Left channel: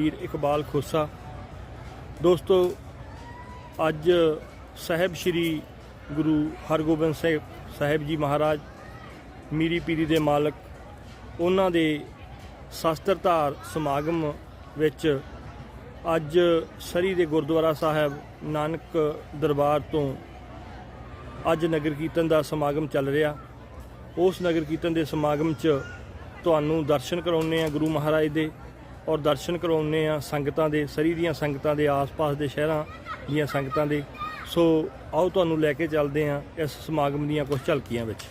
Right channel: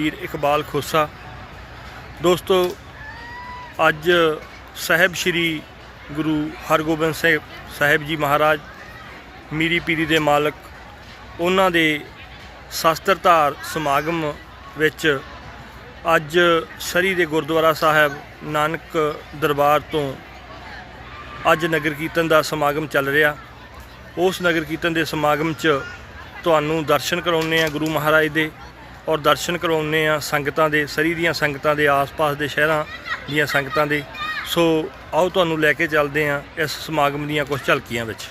ਵੀਰ ਇਕਬਾਲ ਖੋਸਾ। ਦੋਸਤੋ, ਅੱਜ ਸਾਹਿਬ ਸ੍ਰੀ ਗੁਰੂ ਹਰਗੋਬਿੰਦ ਸਿੰਘ ਸਾਹਿਬ ਜੀ ਮਹਾਰਾਜ, ਮੀਰੀ ਪੀਰੀ ਦੇ ਮਾਲਕ, ਉਹਨਾਂ ਦੇ ਸ਼ਸਤਰ ਧਾਰ ਸਮਾਗਮ ਵਿੱਚ ਅੱਜ ਸਰੀ ਦੇ ਗੁਰਦੁਆਰਾ ਸਾਹਿਬ ਨਾਨਕ ਦਰਬਾਰ ਤੋਂ ਅੱਜ ਨਗਰ ਕੀਰਤਨ ਦਾ ਸਮਾਗਮ ਚੱਲ ਰਿਹਾ। ਉਸ ਨਗਰ ਕੀਰਤਨ ਦੇ ਸਮਾਗਮ 'ਚ ਤੁਹਾਨੂੰ ਦਰਸ਼ਨ ਕਰਾਉਣੇ ਆ ਗੁਰੂ ਮਹਾਰਾਜ ਦੇ। ਔਰ ਦਰਸ਼ਨ ਕਰਾਉਣੇ ਆ ਸੰਗਤਾਂ ਦੇ, ਸਰੀ ਦੀਆਂ ਸੰਗਤਾਂ ਦੇ, ਆਸ-ਪਾਸ ਦੇ ਸ਼ਹਿਰਾਂ ਦੀਆਂ ਸੰਗਤਾਂ ਦੇ। ਸੋ ਆਓ ਤੁਹਾਨੂੰ ਲੈ ਕੇ ਚੱਲਦੇ ਆ ਇਸ ਸਮਾਗਮ ਦੀਆਂ ਕੁਝ ਝਲਕੀਆਂ ਵਿੱਚ।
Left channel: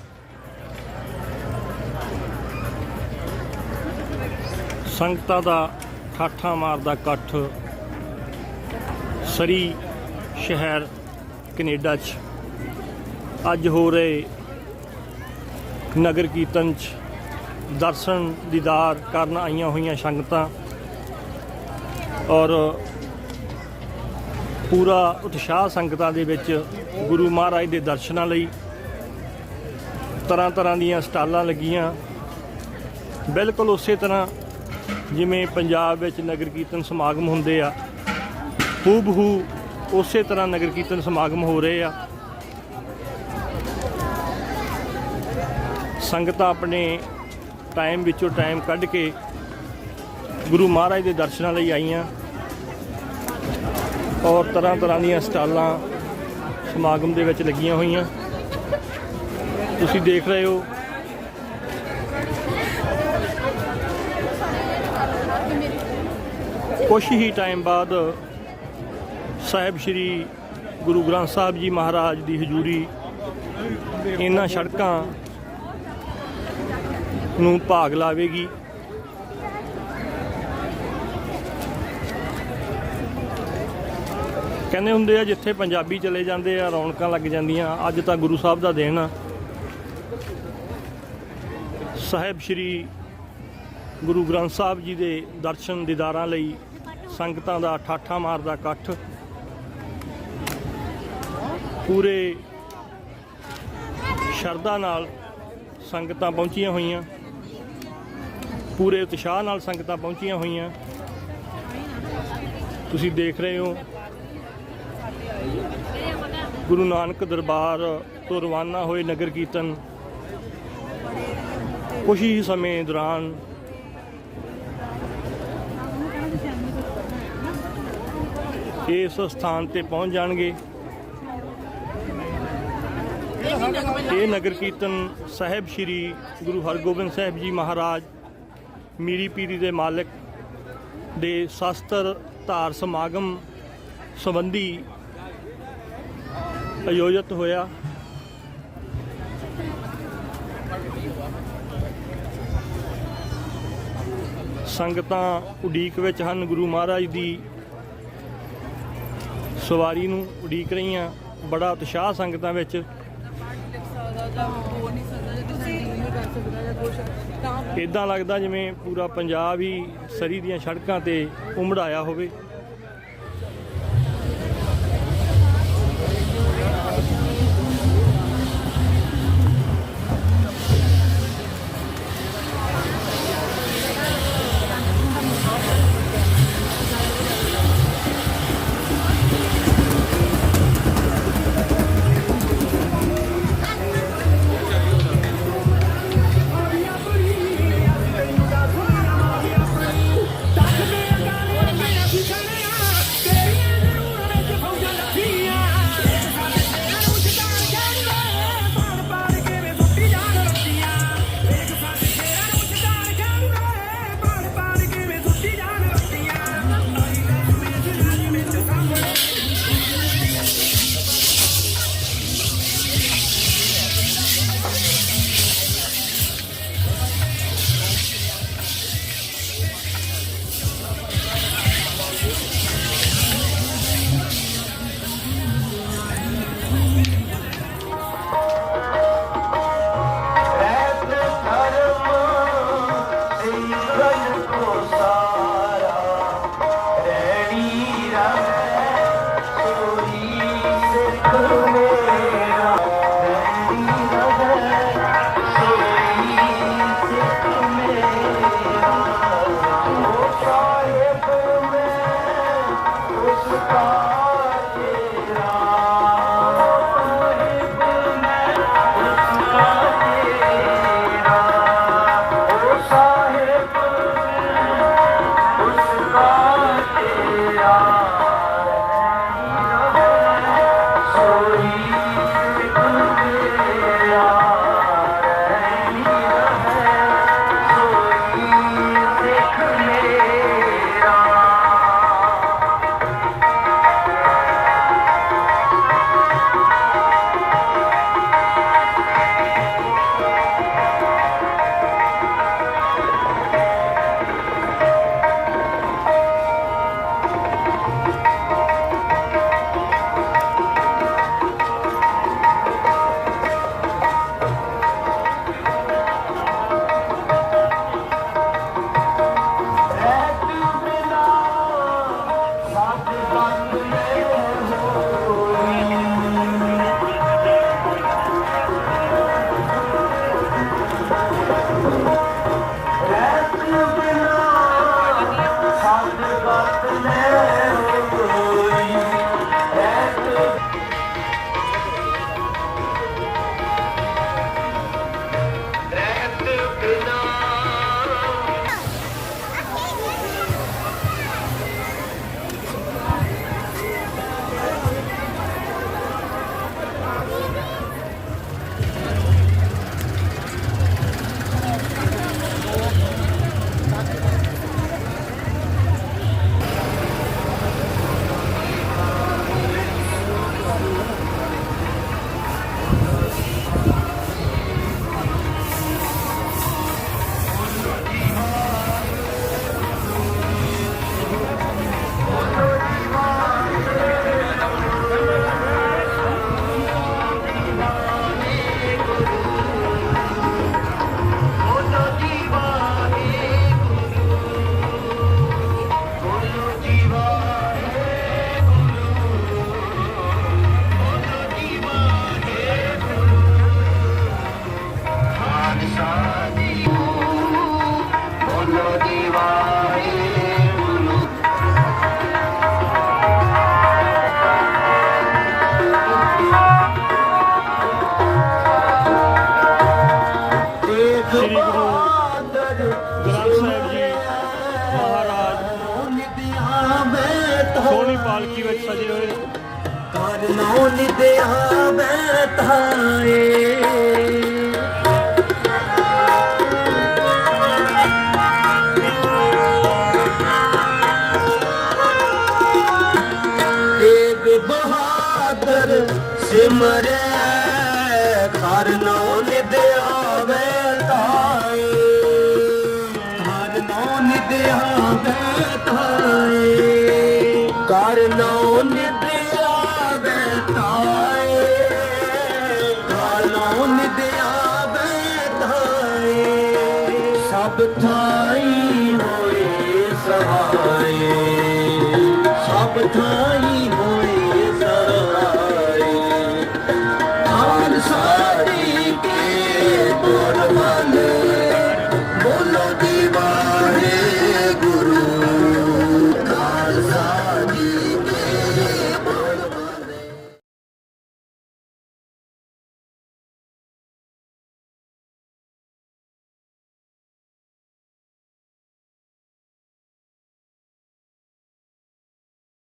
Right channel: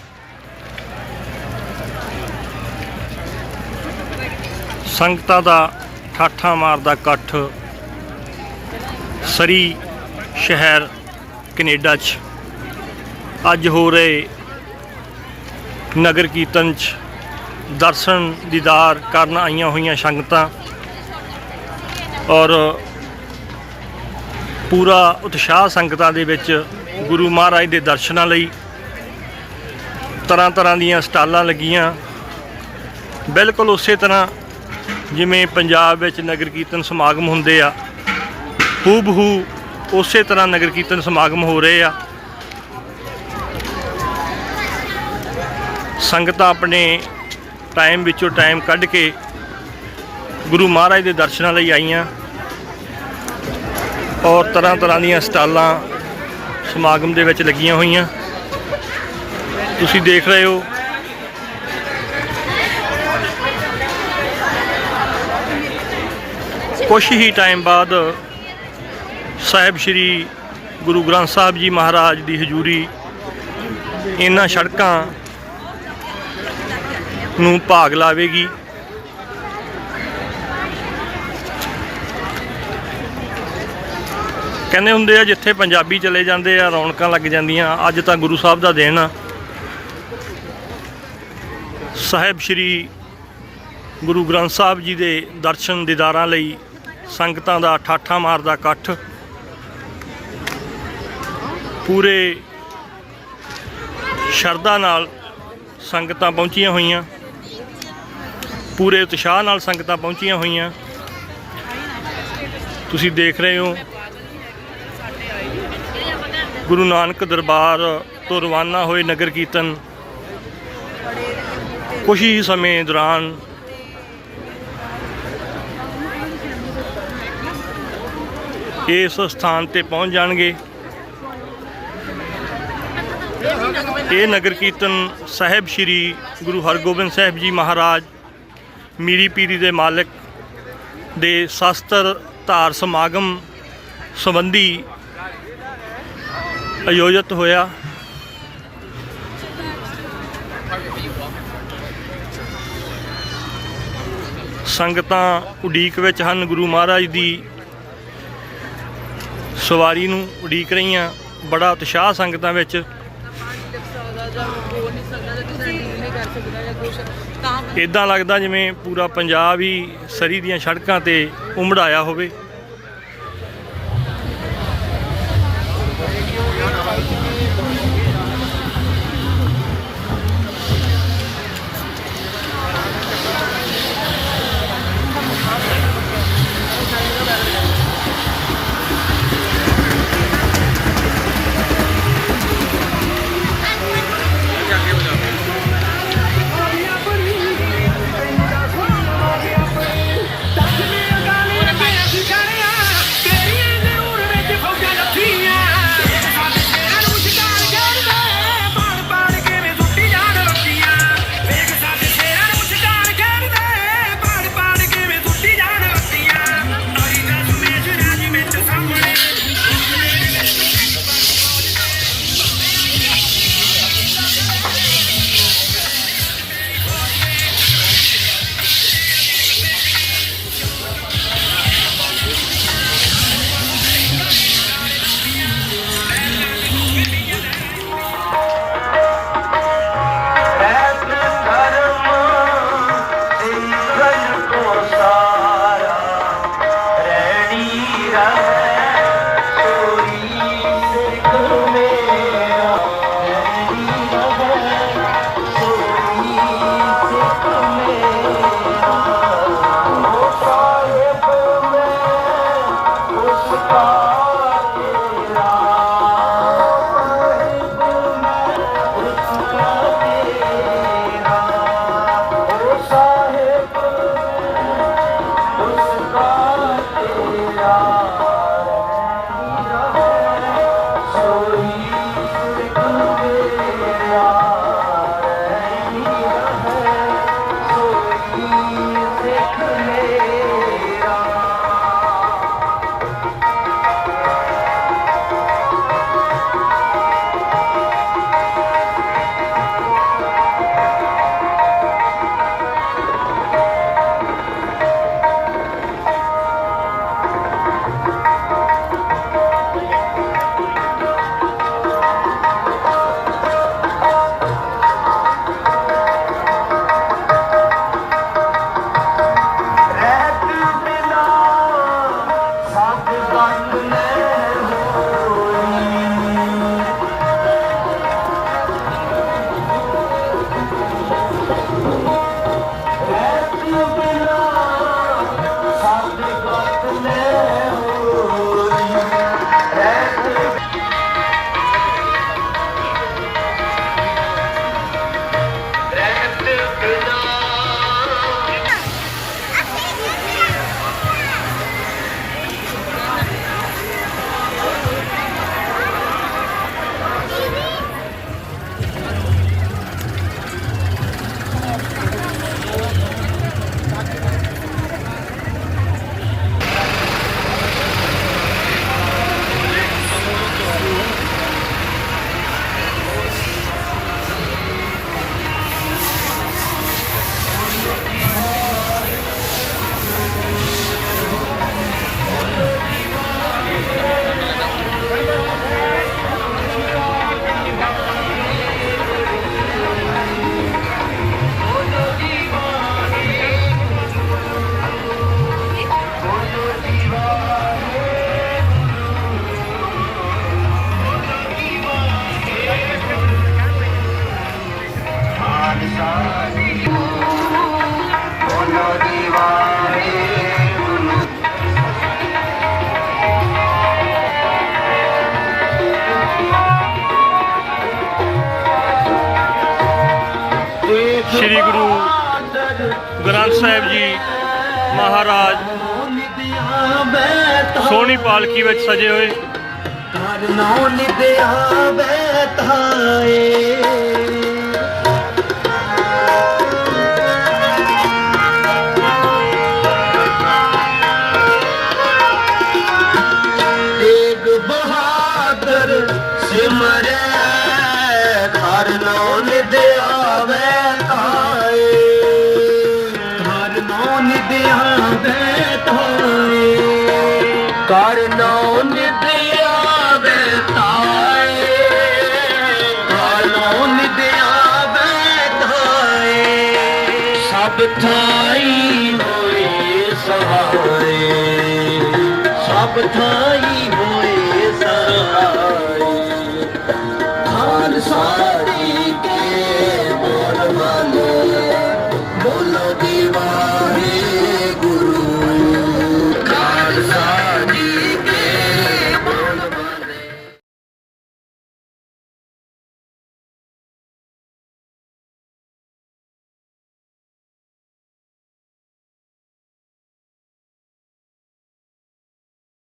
ਸੰਗਤਾਂ ਦਾ ਠਾਠਾਂ ਮਾਰਦਾ ਇਕੱਠ ਸਰੀ ਸ਼ਹਿਰ ਕੈਨੇਡਾ 'ਚ। ਅੱਜ ਹੋ ਰਹੇ ਨਗਰ ਕੀਰਤਨ 'ਚ ਦਰਸ਼ਨ ਦੀਦਾਰ ਕਰਨ ਆਈਆਂ ਹੋਈਆਂ ਸੰਗਤਾਂ ਔਰ ਪੂਰਾ ਉਤਸ਼ਾਹ ਸੰਗਤਾਂ ਦੇ ਵਿੱਚ ਗੁਰੂ ਮਹਾਰਾਜ ਦੇ ਦਰਸ਼ਨਾਂ ਲਈ ਤਰ੍ਹਾਂ ਤਰ੍ਹਾਂ ਦੀਆਂ ਸਟਾਲਾਂ ਲੱਗੀਆਂ। ਬਿਲਕੁਲ ਉਸੇ ਤਰ੍ਹਾਂ ਜਿਵੇਂ ਪੰਜਾਬ ਵਿੱਚ ਨਗਰ ਕੀਰਤਨ ਸਮਾਗਮ ਹੁੰਦੇ ਆ, ਹੂਬਹੂ ਉਸੇ ਤਰ੍ਹਾਂ ਨਗਰ ਕੀਰਤਨ ਸਮਾਗਮ ਹੋ ਰਹੇ ਆ। ਸੰਗਤਾਂ ਆਪਣੇ ਟਾਈਮ ਵਿੱਚੋਂ ਟਾਈਮ ਕੱਢ ਕੇ ਗੁਰੂ ਮਹਾਰਾਜ ਦੇ ਦਰਸ਼ਨਾਂ ਲਈ ਆਈਆਂ। ਔਰ ਤਰ੍ਹਾਂ ਤਰ੍ਹਾਂ ਦੀਆਂ ਸਟਾਲਾਂ ਸਮਾਗਮ ਦੇ ਵਿੱਚ ਲੱਗੀਆਂ ਹੋਈਆਂ। ਤੁਸੀਂ ਦੇਖ ਰਹੇ ਹੋ। ਕੁਛ ਹੀ ਟਾਈਮ ਬਾਅਦ ਸਾਹਿਬ ਸ੍ਰੀ ਗੁਰੂ ਗ੍ਰੰਥ ਸਾਹਿਬ ਜੀ ਮਹਾਰਾਜ ਦੀ ਹਜ਼ੂਰੀ ਇਹਨਾਂ ਸੜਕਾਂ ਨੂੰ ਭਾਗ ਲਾਵੇਗੀ। ਕਹਿੰਦੇ ਹੁੰਦੇ ਆ, ਜਿੱਥੇ ਪੰਜਾਬੀ ਚਲੇ ਜਾਂਦੇ ਆ, ਰੌਣਕਾਂ ਲੱਗ ਜਾਂਦੀਆਂ। ਅੱਜ ਤਾਂ ਗੁਰੂ ਸਾਹਿਬ ਦਾ ਦਿਨ ਆ। ਸਾਹਿਬ ਸ੍ਰੀ ਗੁਰੂ ਗ੍ਰੰਥ ਸਾਹਿਬ ਜੀ ਦੇ ਦਰਸ਼ਨ ਦੀਦਾਰਾਂ ਲਈ ਸੰਗਤਾਂ ਦਾ ਠਾਠਾ ਮਾਰਦਾ ਇਕੱਠ। ਪੂਰੇ ਸ਼ਰਧਾ ਨਾਲ ਸੰਗਤਾਂ ਪਹੁੰਚੀਆਂ ਹੋਈਆਂ। ਪੂਰੇ ਉਤਸ਼ਾਹ ਨਾਲ ਸੰਗਤਾਂ ਪਹੁੰਚੀਆਂ ਹੋਈਆਂ। ਤੁਸੀਂ ਦੇਖ ਰਹੇ ਹੋ ਗੁਰੂ ਨਾਨਕ ਦਰਬਾਰ ਤੋਂ ਰਵਾਨਾ ਹੋਏ ਨਗਰ ਕੀਰਤਨ ਕੁਝ ਹੀ ਸਮੇਂ ਦੌਰਾਨ ਇਸ ਸਥਾਨ ਤੇ ਪਹੁੰਚ ਜਾਣਗੇ। ਇਹ ਨਗਰ ਕੀਰਤਨ ਸਾਹਿਬ ਸ੍ਰੀ ਗੁਰੂ ਹਰਗੋਬਿੰਦ ਸਾਹਿਬ ਜੀ ਮਹਾਰਾਜ, ਮੀਰੀ ਪੀਰੀ ਦੇ ਮਾਲਕ ਦੇ ਸ਼ਸਤਰ ਧਾਰ ਸਮਾਗਮ ਸੰਬੰਧੀ ਆਯੋਜਿਤ ਹੋਇਆ। ਸੰਗਤਾਂ ਉਡੀਕ ਵਿੱਚ ਹਨ। ਗੁਰੂ ਮਹਾਰਾਜ ਦੀ ਸਵਾਰੀ ਨੂੰ ਉਡੀਕ ਰਹੀਆਂ। ਬੜਾ ਉਤਸ਼ਾਹ ਸੰਗਤਾਂ ਵਿੱਚ। ਇਦਾਂ ਲੱਗਦਾ ਜਿਵੇਂ ਪੂਰਾ ਪੰਜਾਬ ਹੀ ਸਰੀ ਦੀਆਂ ਸੜਕਾਂ ਤੇ ਉਮੜਾਇਆ ਹੋਵੇ। ਗ੍ਰੰਥ ਸਾਹਿਬ ਜੀ ਮਹਾਰਾਜ, ਸੋਹਣੀ ਪਾਲਕੀ ਵਿੱਚ ਸਜੇ ਹੋਏ। ਕਰਨੋ ਨਿਦਿਆ ਬੈਠਾਏ ਤੇਗ ਬਹਾਦਰ ਸਿਮਰੈ กับเธอ